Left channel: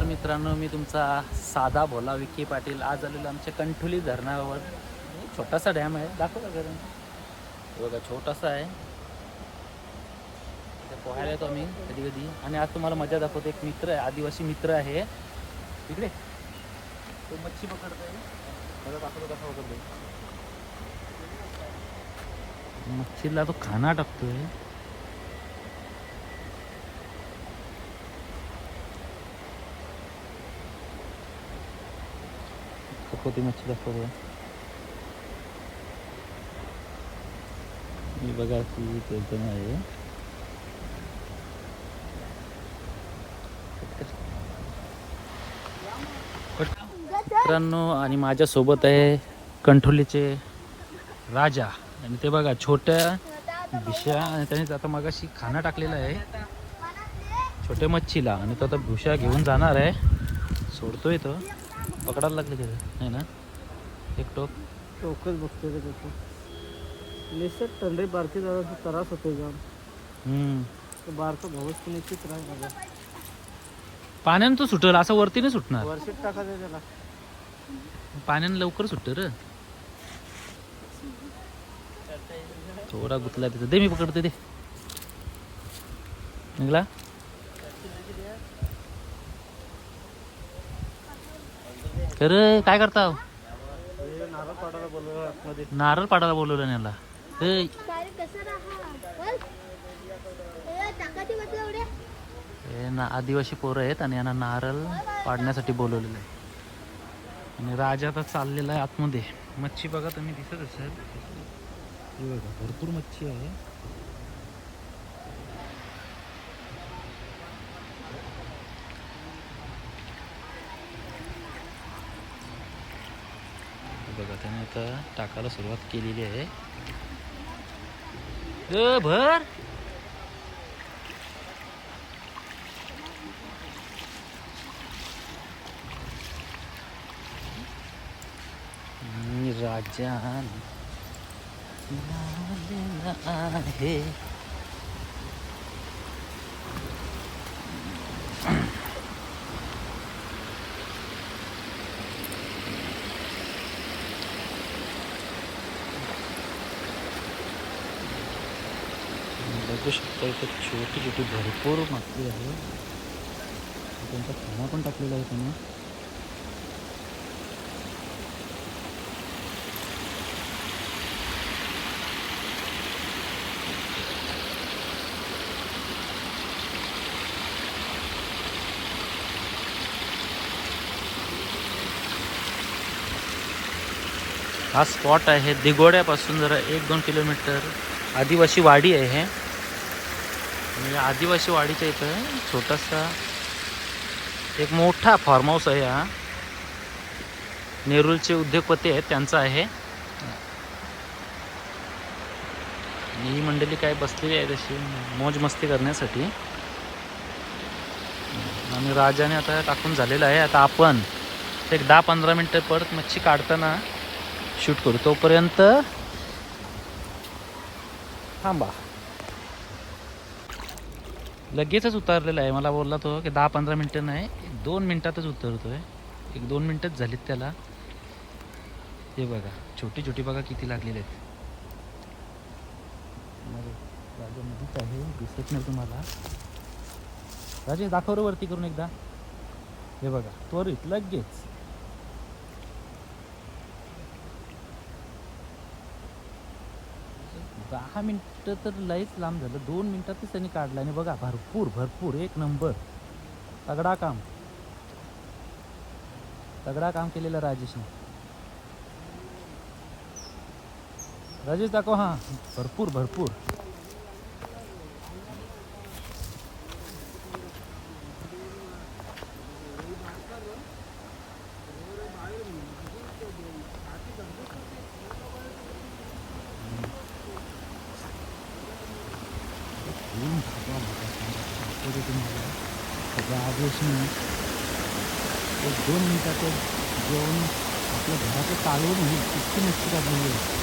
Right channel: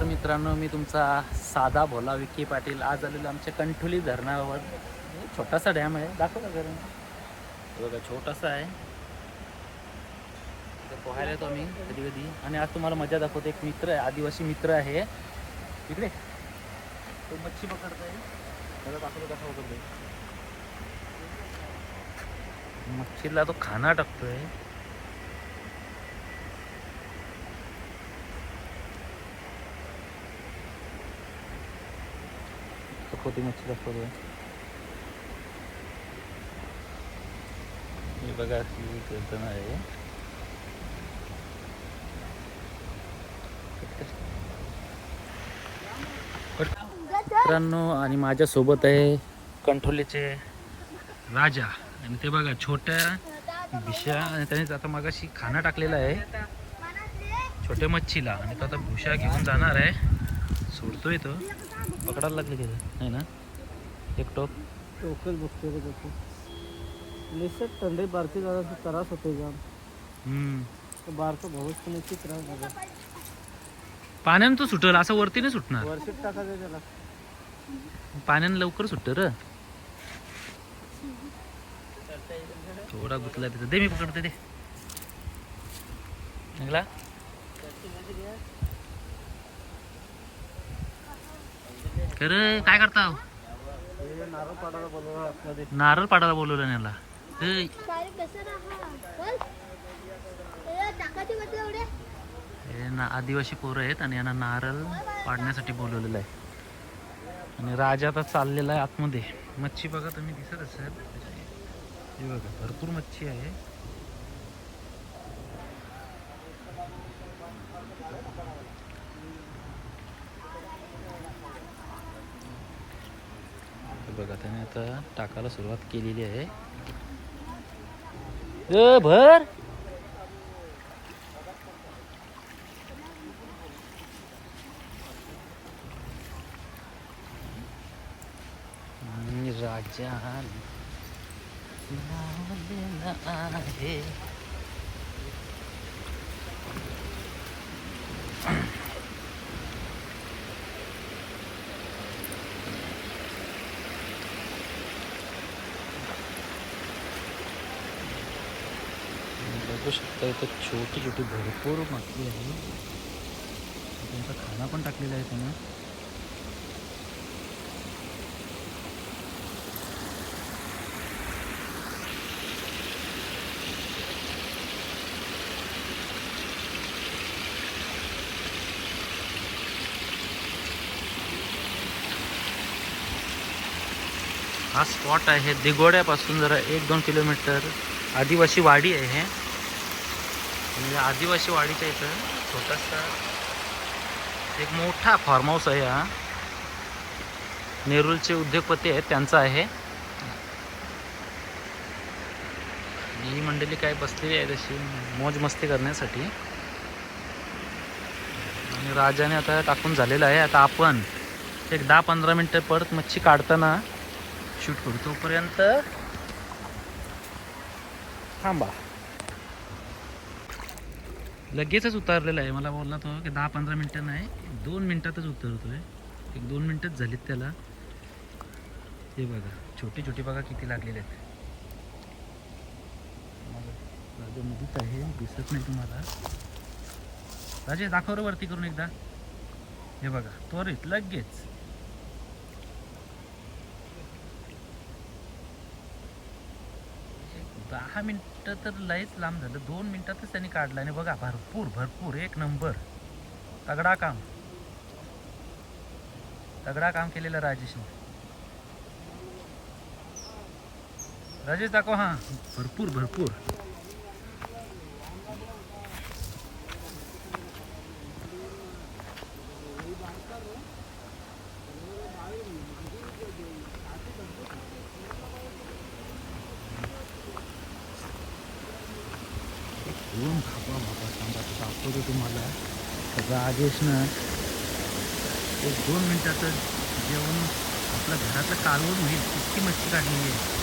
नमस्कार मित्रांनो मी तुमचा साधा भोला विखी पाटील. आज आलेलो आमच्या कंठोली धरणावर. छोटासा डॅम आहे. दाखवला बघा छोटासा आहे. पोहायला येतो आम्ही कधी कधी आणि आज तुम्हाला मजा दाखवतो. एक मित्र आहे आदिवासी मित्र आहे. इकडे. तो मच्छी पकडतोय. त्याला दाखवतो कसा पकडतो मच्छीला तो खाना टाकतोय. कधी मच्छी दाखवतो मी बघा ती एकदम आहे मित्रांनो आणि माझ्यासोबत आहे कंठोलीचे राजा. आणि ते बघा छोट्या भिशा आणि त्याने आता मगाशी खाना टाकलेला आहे. छोट्या मच्छीला. आणि तो आता भुशा घेऊन जाणार आहे. सोडतोय तो. पकडायला लागले की नाही ना? एक टोक. टोकच बघतो रे त्याचं निसट थंडी बारकी जरा त्रास होतो जाम. हम्म. तो बारका भाऊच पण इतकी त्रास माझा. पाण्यानं तो सुटल असं वरती नाही सुटणार. वर्षात टाकायचं त्याला. पाण्यानं लवकर सुटतं र. थोडा गुतला तिथं. दे मी पकडते दे. निघला? खरं काय करता? नारळ पाडायला बोलवलं याला. हे ना आदिवासी पोरं आहेत आणि यांना नारळ पाडण्यासाठी बोलवलेलं आहे. आणि राजा आता चाललेला आहे आतमध्ये. मच्छी बघा तुम्ही दिसत असेल. भरपूर मच्छी आहे. बघा त्याने आता टाकायला सुरुवात केलेली आहे. अ, भर. मी आहे. आहे बघू छोटी छोटी भरपूर माती आहे. त्यांचं खाणं पण हा स्पॉट आहे. दिगोड्यापासून जरा एक दोन किलोमीटर आदिवासी वाडी हे आणि आदिवासी वाडीच्या इथं छोटासा एक मोठा फार्म हाऊस आहे हा. नेरूलचे उद्योगपती आहेत त्यांचा आहे. ही मंडळी काय बसलेली आहे तशी मौज मस्ती करण्यासाठी. आणि राजाने आता टाकून झालेलं आहे. आता आपण एक दहा पंधरा मिनटं परत मच्छी काढताना शूट करू. तोपर्यंत थांबा. लगेचच उतारलेला आहे. मला बोलला तो की दहा पंधरा मिनटं नाही दोन मिनटातच उतरतोय. एक दोन मिनटंच झालीत त्याला. हे बघा छोटी छोटी बघा किती लागलेली आहेत. राजा नदीच आहे दिसत नाही तुम्हाला. राजे दाखव वरती करून एकदा. हे बघा त्वरित लगेच. दहा मिनटं तर लयच लांब झालं. दोन मिनटातच त्यांनी काढलं. आणि बघा भरपूर भरपूर. एक नंबर. तगडा काम. तगडा काम केलेलं राजेशने. राजेश दाखव हा. भरपूर भरपूर. राजेशनं एक दोन मिनिटाचं जेवण आपलं घराचं चालवून नहीं इतकी मच्छी काढलेली आहे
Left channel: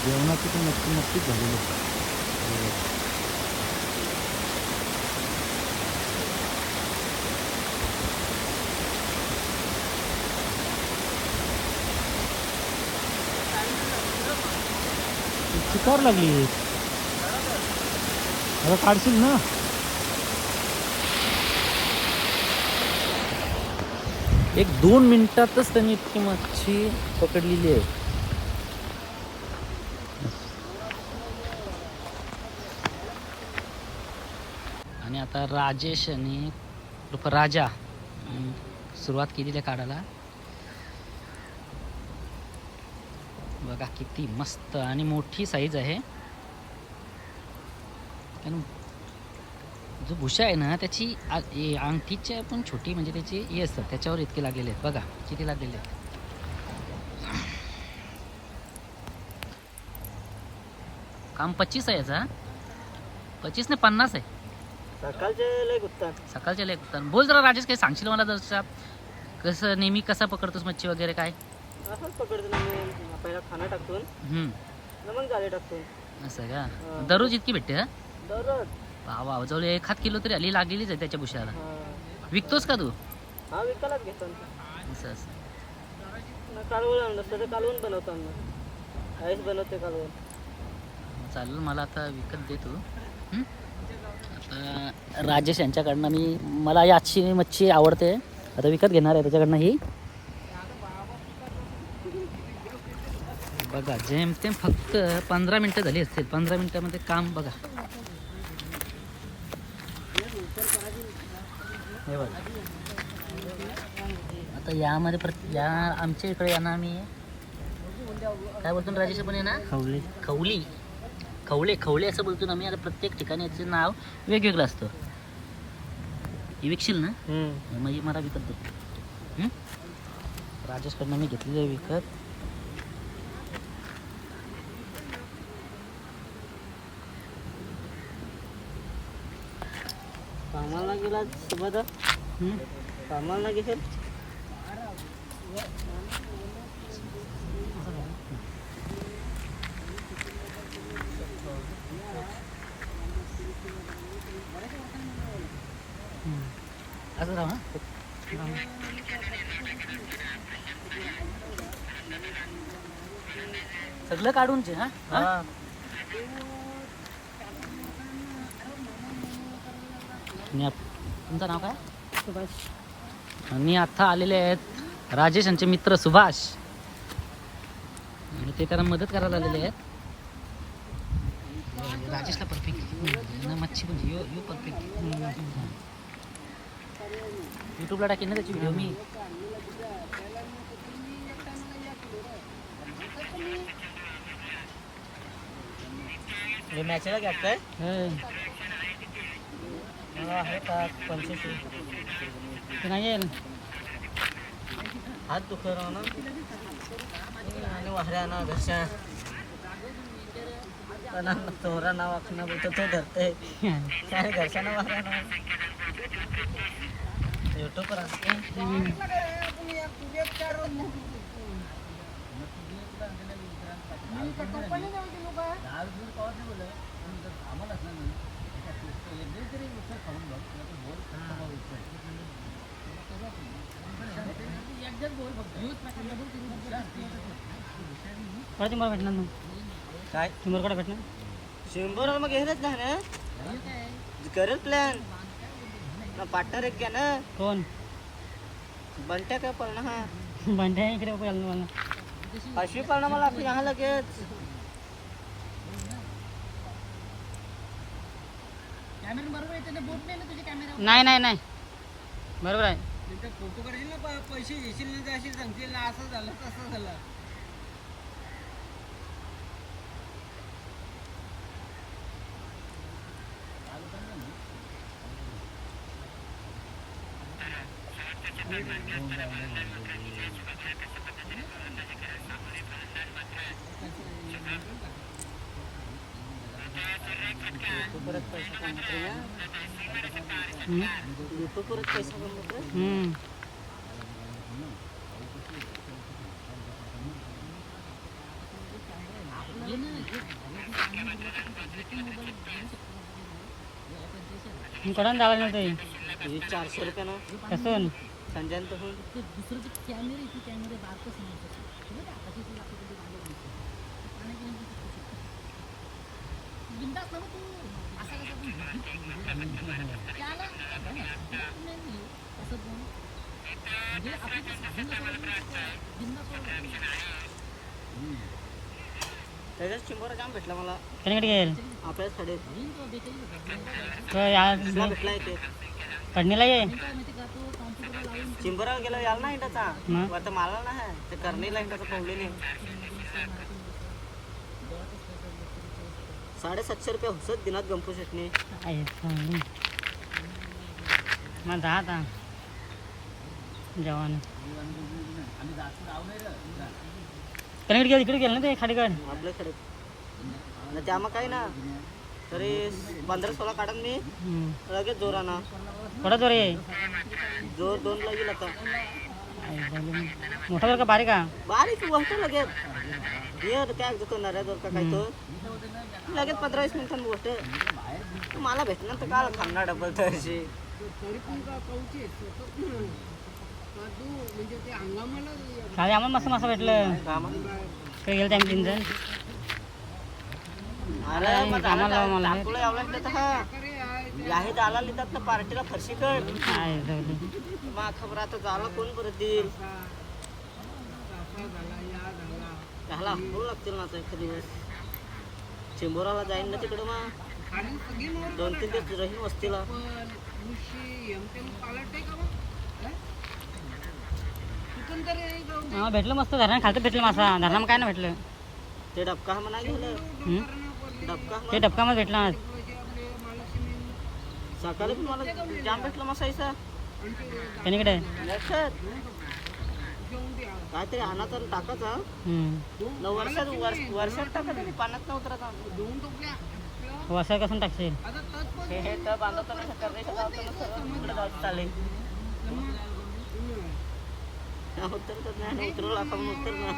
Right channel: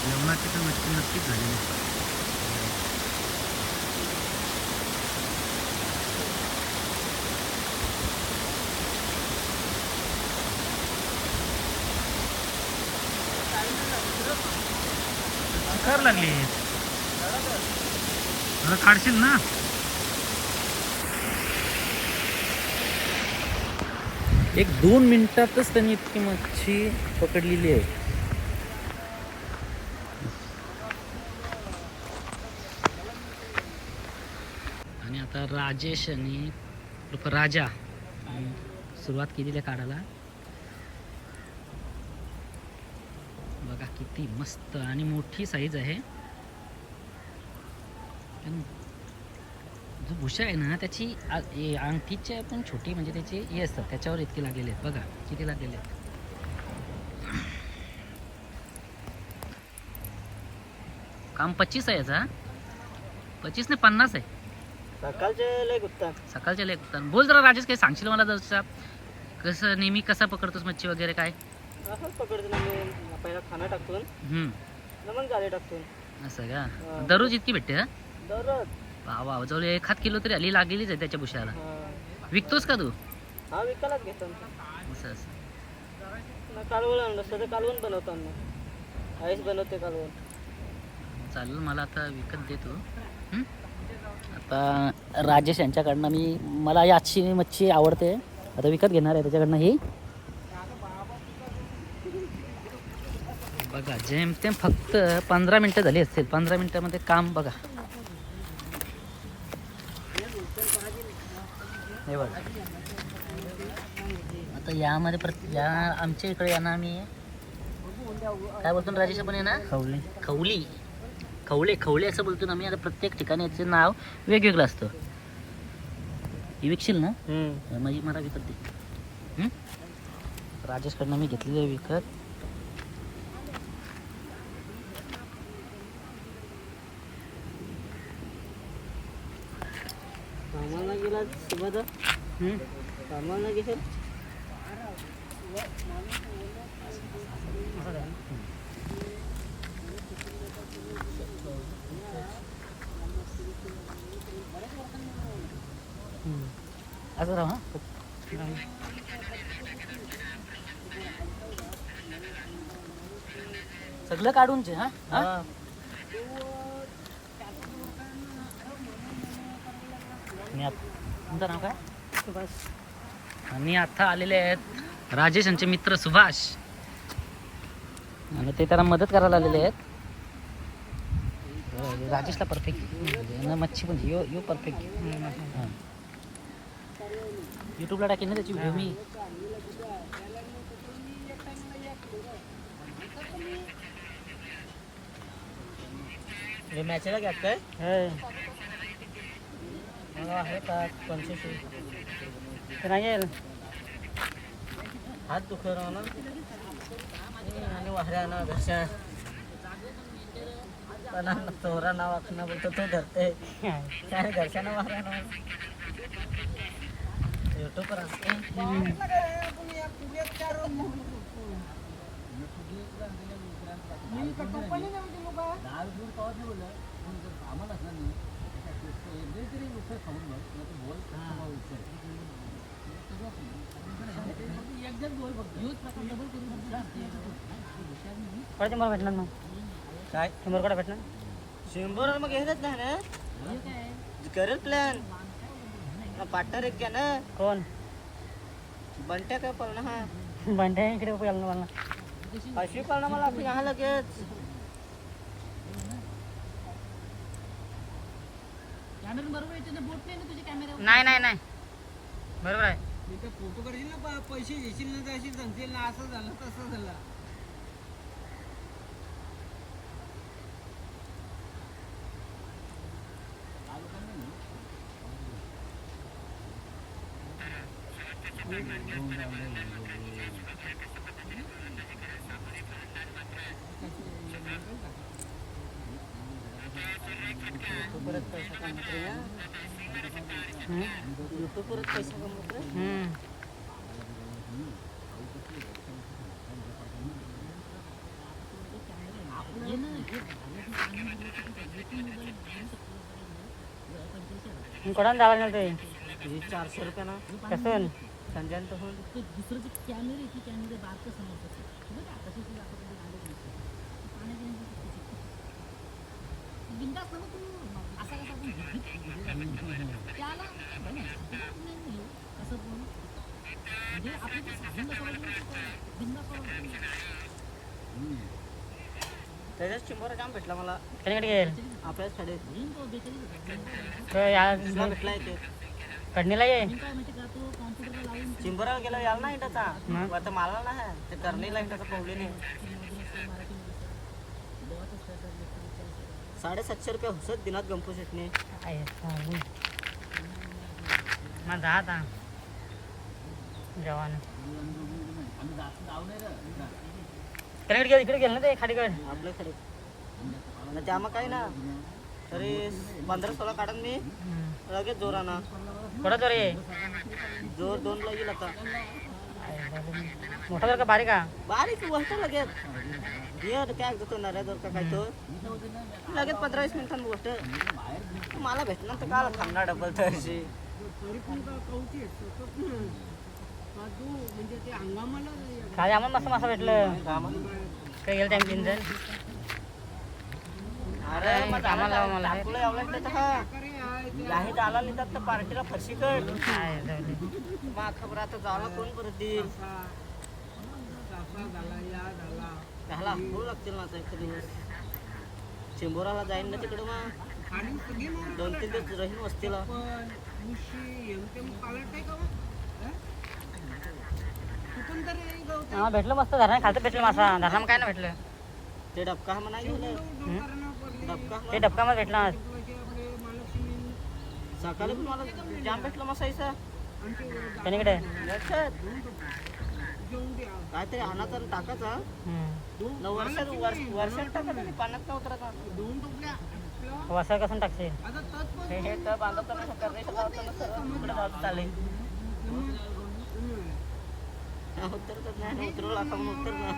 जेवणाची पण नक्की नक्कीच झालेली चिकार लागली. काढशील ना. एक दोन मिनिटातच त्यांनी इतकी मच्छी पकडलेली आहे. आणि आता राजेश आणि उर्फ राजा सुरुवात केलेली आहे काढायला. बघा किती मस्त आणि मोठी साईज आहे. जो भुशा आहे ना त्याची हे अंगठीच्या पण छोटी म्हणजे त्याची हे असतं. त्याच्यावर इतके लागलेले आहेत. बघा किती लागलेले आहेत. काम पच्चीस आहे याचा पच्चीस ने पन्नास आहे. सकाळचे लय गुत्ता सकाळच्या लेख होता बोल जरा राजेश काही सांगशील मला जसं कसं नेहमी कसा पकडतोस मच्छी वगैरे काय? असंच पकडतो ना मी. पहिला खाना टाकतून हम्म, न मग जाळे टाकतून असं का? हा. दररोज इतकी भेटते हा? दररोज. वा जवळ एखाद किलो तरी आली लागलेलीच आहे त्याच्या भुशाला हा. विकतोस का तू? हा विकायलाच घेतो असं असं. ना कालवण आणलं कालवण बनवतो बनवते कालवण मग चालेल मला आता विकत दे तू. हं? आता राजेश यांच्याकडनं मी मला ही आजची मच्छी आवडते. आता विकत घेणार आहे त्याच्याकडनं ही. बघा जेमतेम फक्त पंधरा मिनटं झाली असतील. पंधरा मिनटामध्ये काम बघा. हे बघा. आता यामध्ये प्रत या आमच्या इकडे यांना आम्ही काय बोलतो ना राजेश आपण आहे ना? खवली. खवली. खवले खवले असं बोलतो ना आम्ही. आता प्रत्येक ठिकाणी याचं नाव वेगवेगळं असतं. ही विकशील ना? म्हणजे मला विकत? राजेशकडनं मी घेतलेली विकत. गेला सोबत? कामाला घेशील असं राहा हं? सगळं काढून चे हा हा? तुमचं नाव काय? मी आता आलेले आहेत राजेश यांचे मित्र सुभाष. आणि ते त्याला मदत करायला आलेले आहेत. हो, राजेशला परफेक्ट मच्छी पण यो यो परफेक्ट यूट्यूबला टाकेन ना त्याची व्हिडिओ मी. मॅचला घ्यात काय मला आहे का पंच्याऐंशी ते नाही आहे. हात दुखत राहा ना आणि वाहऱ्या ना घरच्या. पण तोरा नाव आखणं बोलतो तो धरते काय घरच्यानं वाहऱ्या ना युट्यूबवर असते मग काय? शंभरकडे भेटणार शंभर मग घेतच नाही ना. करेल प्लॅन पार्टनर एक घ्या ना. कोण? बंट्या काय पळणं हा. भांड्या इकडे आलं मला अशी पळणं मला लगेच. नाही नाही नाही बरोबर आहे. फोटो करशील ना पैसे घेशील ना अशी सांगशील ना असं झालं तसं झालं. परत पैसा कमवतो युट्यूब परत पैसा कमवतो हम्म. ये ना, कोणाला जावं ते. ही चारशे रुपये ना. कसं संजय तर होऊन त्याच्याच चिंबोरा जाम भेटला मला. त्याच्याकडे गेल आपल्याच कडे या तुला भेटला येते चिंबोरा गेला याल ना इंटाचा. आता मला ना ते करणीला इंटाचा प्रॉब्लेम साडेसातशे रुपये हुसत दिनात गंपू त्याकडे गेलं इकडे गेलं ना ते खाली काय? आपल्याकडे ना त्या मग काय ना तरी पंधरा सोळा काढन मी. लगेच जोरानं. थोडा जोर जोर दोन लागेल आता. मोठा बारीक का बारीक गोष्ट लगेच. ये काय दुकानदार जोर का काय तो. लगेच पंधरा वीस मिनिटांनी गोष्ट मला भेटणार तर काल खाणार डबल आम्हाला मस्त मस्त भेटलं. का? ते गेलं त्यांनी अरे मग झालं टाकलं एवढं तर हा. याही झाला लिहितात तर पार्टीला फरशी कट. मग खबर आता झाला कोण परत देईल? त्याला होऊ लागतील ना एक दिवस. चेंबोराला जाईन ना तिकडं मग दोन तीन दिवस राहीन वस्तीला. हा भेटलं मस्त धरणा खालतं भेटलं मासा धरणा काय नाही भेटलं. ते डबका म्हणा गेलं? डबका ते डबका मग भेटला. सकाळी पण मला जाम भेटला मसाईचा काहीतरी अनाचा टाकाचा न वर्षात वर्ष वर्षात टाका तरी पाण्यात न उतरता टाकशील? हे तर बांधताना करण्याच्या गावताना सर्व तिकडे जात चाले उतरतच नाही ना उतरवलं आता म्हणून उतर ना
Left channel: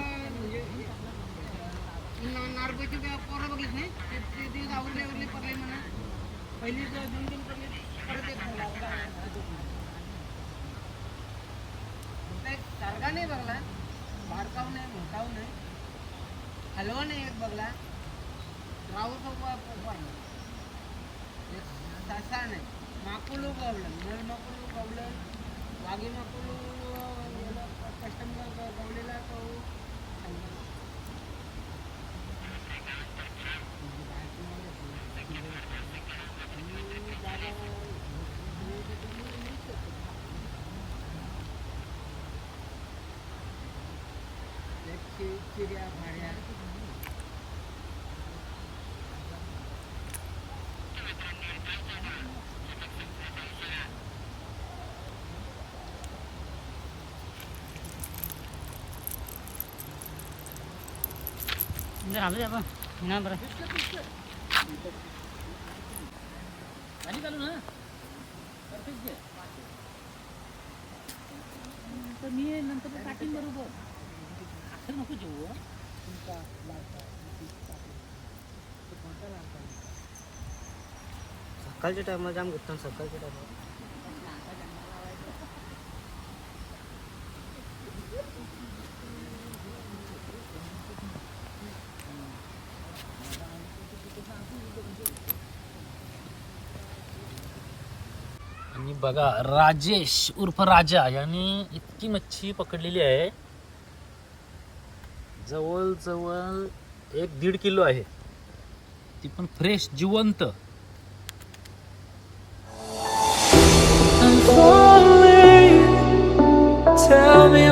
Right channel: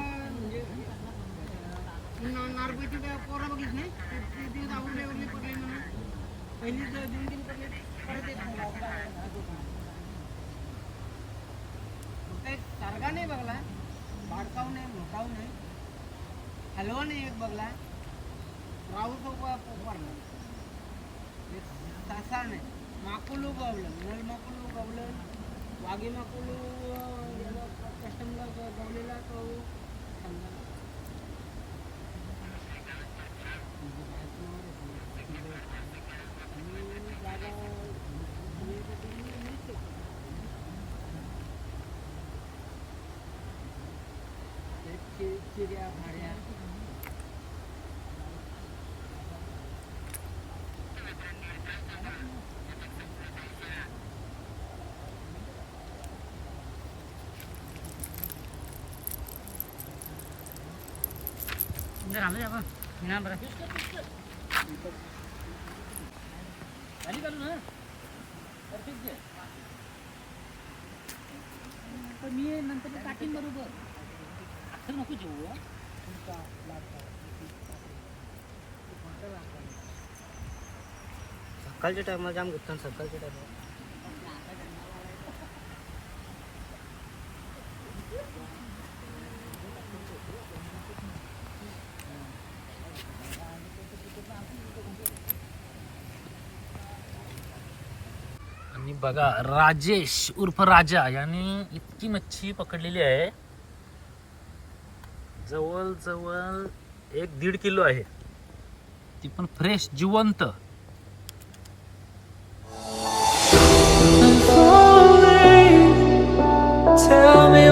हलवा नाही एक बघला राहू तसा नाही माकुल उगवलं मोर माकुल उगवलं वाघी माकुल कस्टमर गवलेला तो apa? Nampaknya. Tadi kan, kalau nah. Perfect. Pemir nanti baru. असं नको जेवू सकाळच्या टायमाला जाम गुत्तान सकाळच्या टायमाला आणि बघा राजेश उर्फ राजा याने इतकी मच्छी पकडलेली आहे. जवळ जवळ एक दीड किलो आहे. ती पण फ्रेश जिवंत. Tell me